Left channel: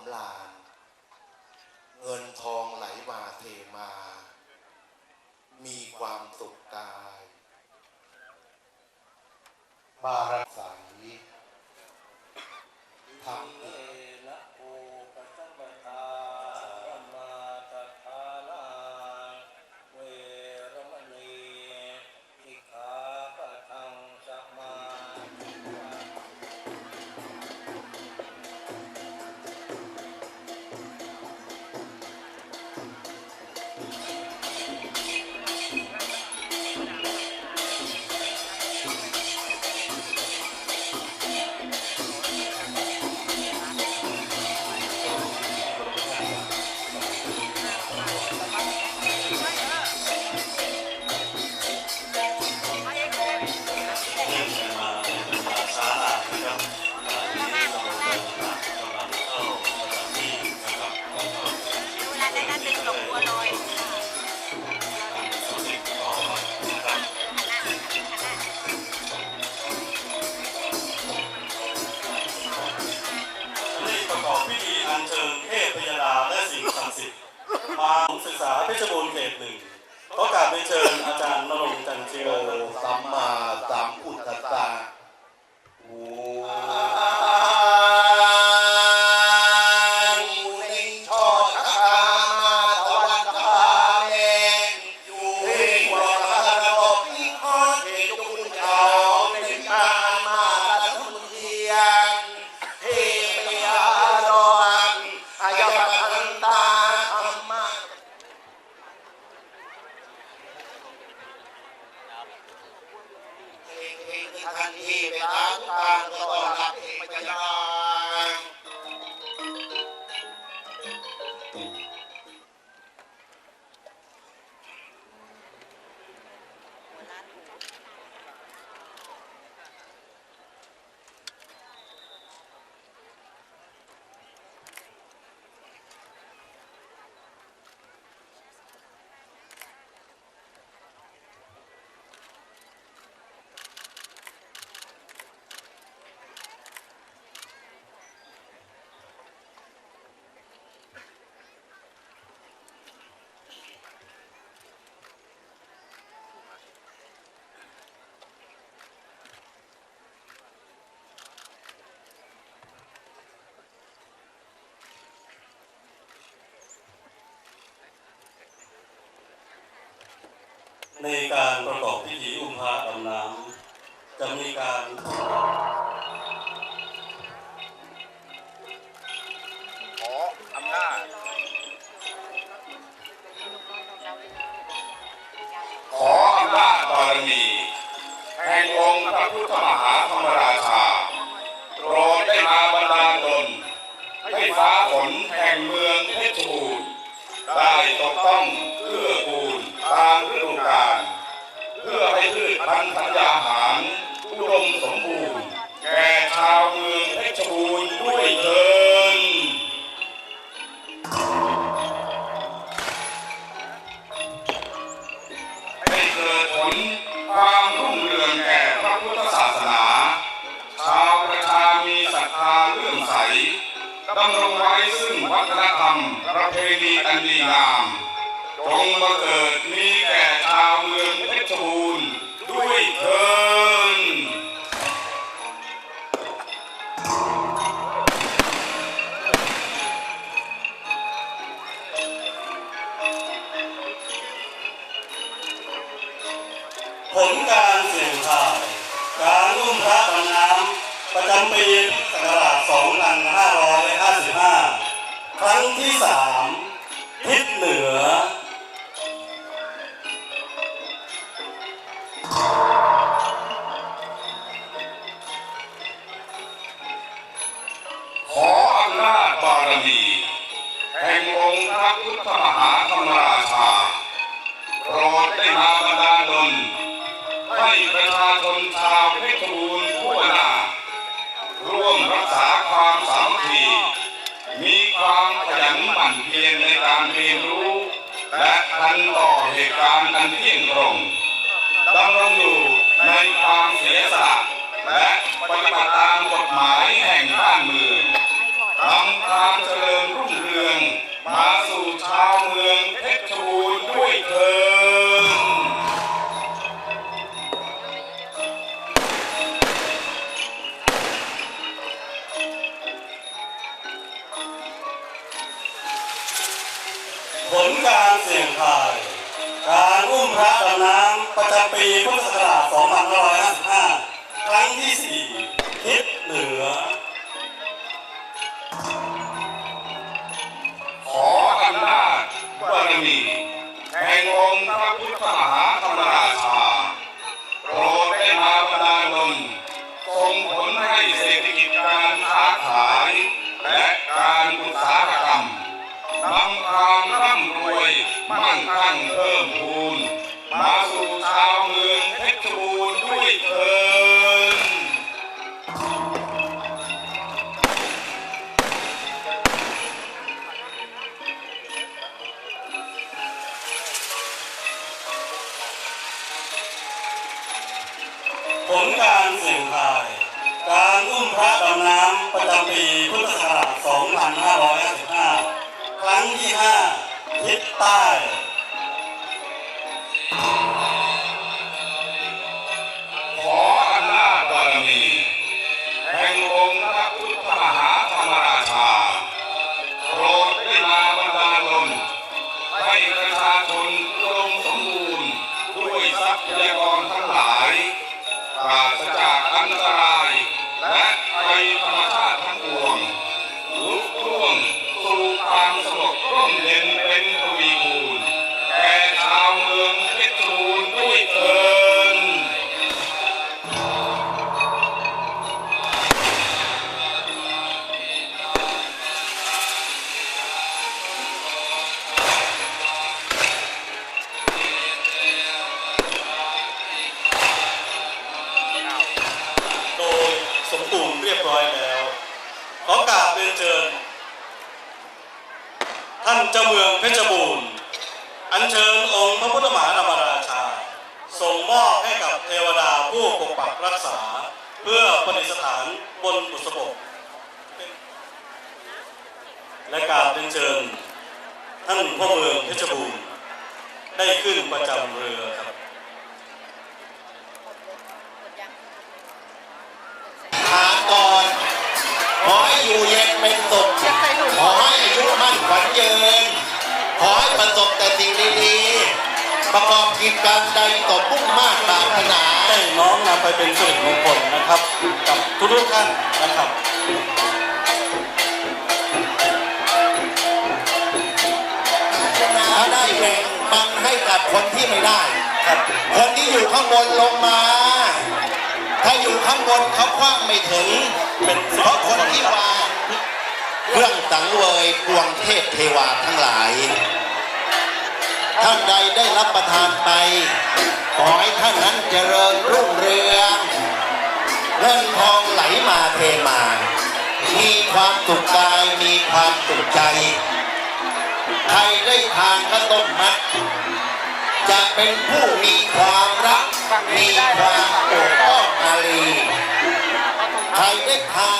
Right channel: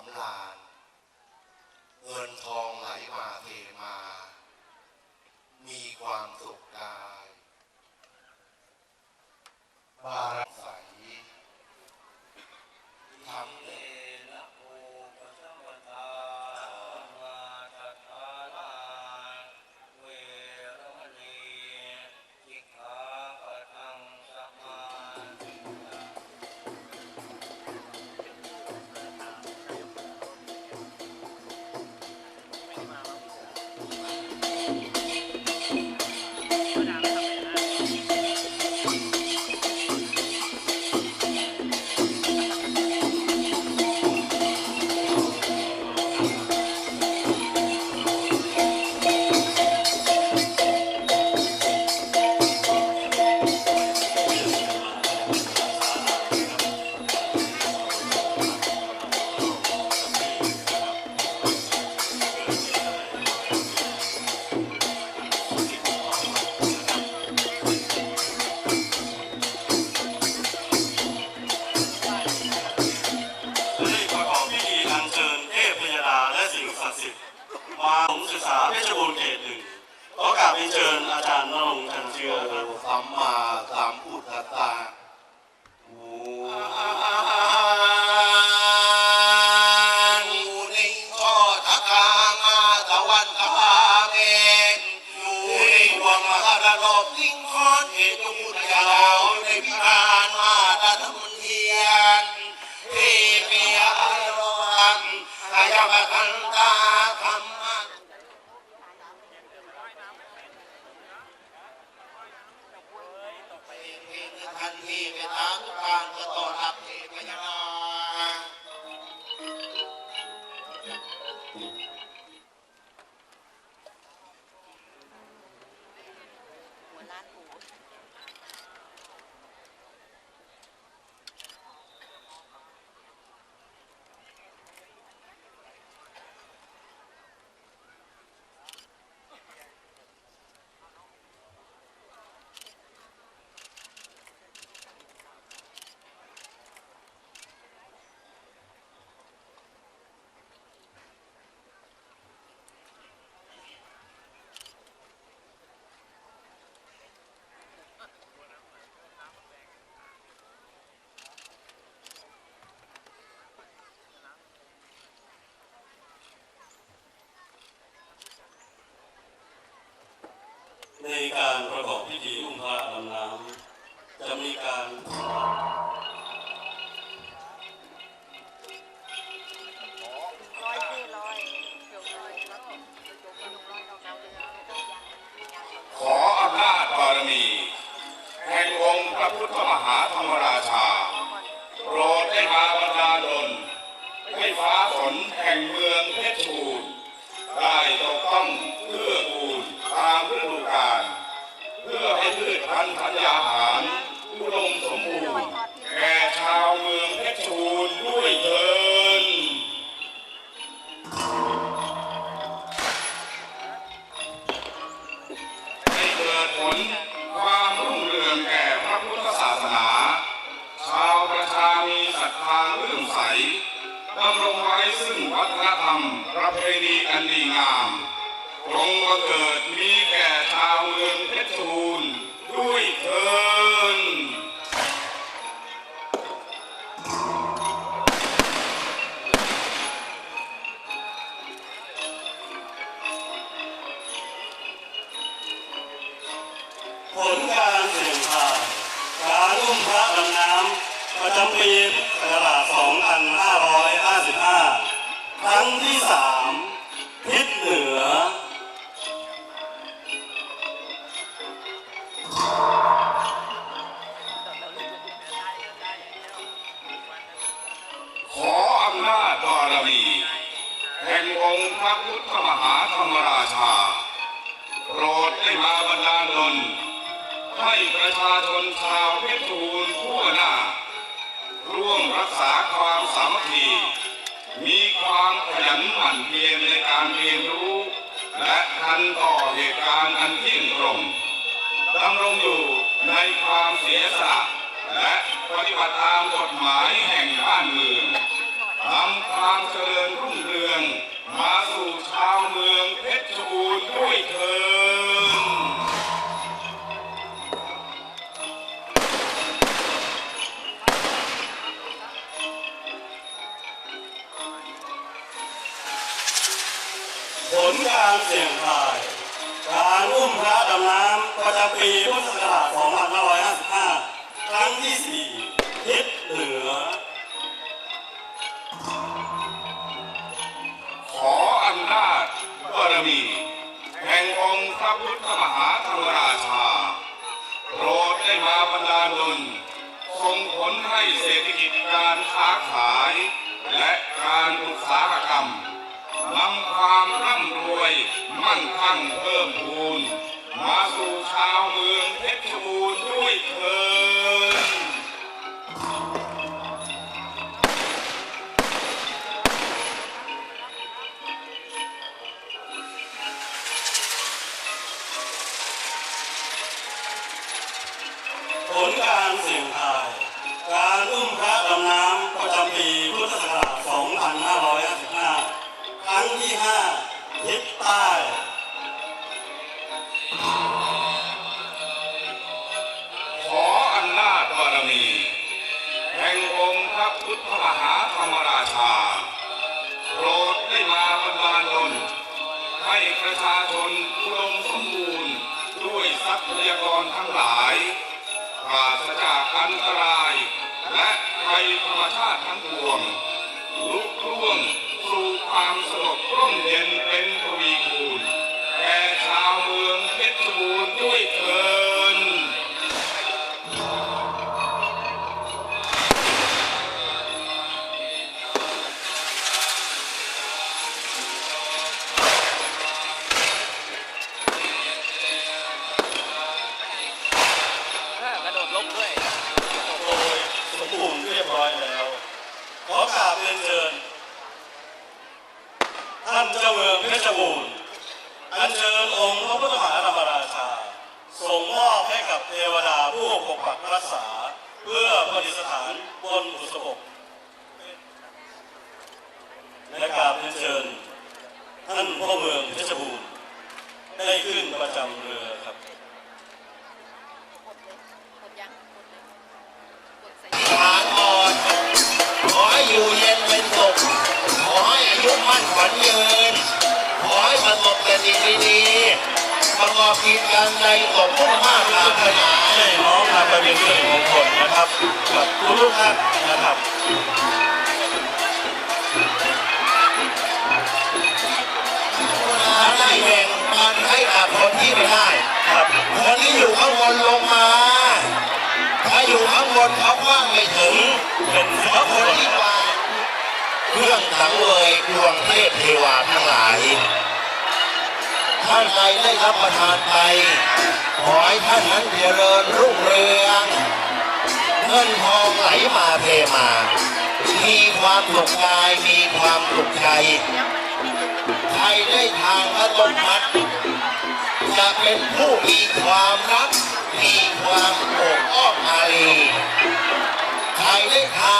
ำ สิ่งสิทธิ์มาศึกษาเพชรบูรณ์เขตหนึ่งก็กลับไปเชิญอาจารย์นรงค์จันเชียวสัมมาสัมพุทธตา คือทันทีไปตางทางก็ต้อนรับเอกยาบาลหัวล้านหู ในการประกอบพิธีอุ้มพระดำน้ำจะมีการขออำนาจบารมีแห่งองค์พระพุทธมหาธรรมราชา โปรดได้มาบันดาลดลให้ฟ้าฝนแห่งเมืองเพชรบูรณ์ได้ตกต้องเพื่อกูลตามฤดูกาลเพื่อให้พืชพันธุ์ธัญญาหารอุดมสมบูรณ์แก่ชาวเมืองเพชรบูรณ์ด้วยเถินให้เกิดผลความรุ่งเรืองแก่พระพุทธศาสนา ชาวประชามีศรัทธาเลื่อมใสดำรงไว้ซึ่งวัฒนธรรมประเพณีอันดีงาม มาเกิดมีแก่ชาวเมืองเพชรบูรณ์ด้วยเถินผลการเสี่ยงทายการอุ้มพระดำน้ำประจำปีพุทธศักราช2555 ครั้งที่3ทิศเหนือ องค์พระพุทธมหาธรรมราชา โปรดได้มาบันดาลดลให้ประชาชนชาวเพชรบูรณ์ทั่วหน้า ร่วมรักษาความสามัคคี มีความขยันหมั่นเพียรในการเรียนรู้ และทันต่อเหตุการณ์อันเที่ยงตรงดำรงอยู่ในความเสียสละและปฏิบัติตามกฎหมายแห่งบ้านเมืองให้ถอง มาสู่ชาวเมืองเพชรบูรณ์ด้วยเถิดผลการเสี่ยงทาย การอุ้มพระดำน้ำประจำปีพุทธศักราช2555 ครั้งที่ 4 องค์พระพุทธมหา ลการเสี่ยงทาย การอุ้มพระดำน้ำประจำปีพุทธศักราช 2555 ครั้งที่ 5 ทิศใต้ขออำนาจบารมีแห่งองค์พระพุทธมหาธรรมราชาโปรดได้มาบันดาลดลให้ประชาชนอุดมสมบูรณ์ด้วยทรัพยากรทั้งหลาย ปราศจากอันตราย และภัยธรรมชาติทั้งปวงลุกล่วงสู่ความสงบร่มเย็นเป็นทวีคูณแก่ชาวเมืองเพชรบูรณ์ด้วยเถิด อัญเชิญองค์พระพุทธมหารรมราชาส่งมอบให้กับเทวดาผู้ปกปักรักษา เพื่อประดิษฐานบนบุษบกและกราบเรียนเชิญท่านพ่อเมืองเพชรบูรณ์ได้ขึ้นประจำเรือ ๆประกอบกิจการใดตกมุ่งมั่นปรารถนาให้น้องมาเป็นส่วนมงคลนะครับกับทุกท่านนะครับถ้าได้แบ่งปันให้กับคนที่ไม่ได้ครับคนที่อยู่ข้างบนลงมา ถ้าอยู่ข้างบนเขาคว้างไม่ถึงเป็นเพราะคนที่มาเครื่องสังเวยดวงเทพเทวาทั้งหลาย ท่านใดได้รับประทานไป ขอให้ท่านนั้นเจริญรุ่งเรืองเงินทองไหลมาเทมา มีความสุขกายมีความสุขใจใครได้ทานพระต้นนัดจะเป็นผู้มีความรัก มีความโอบอ้อมอารีใครได้ทาน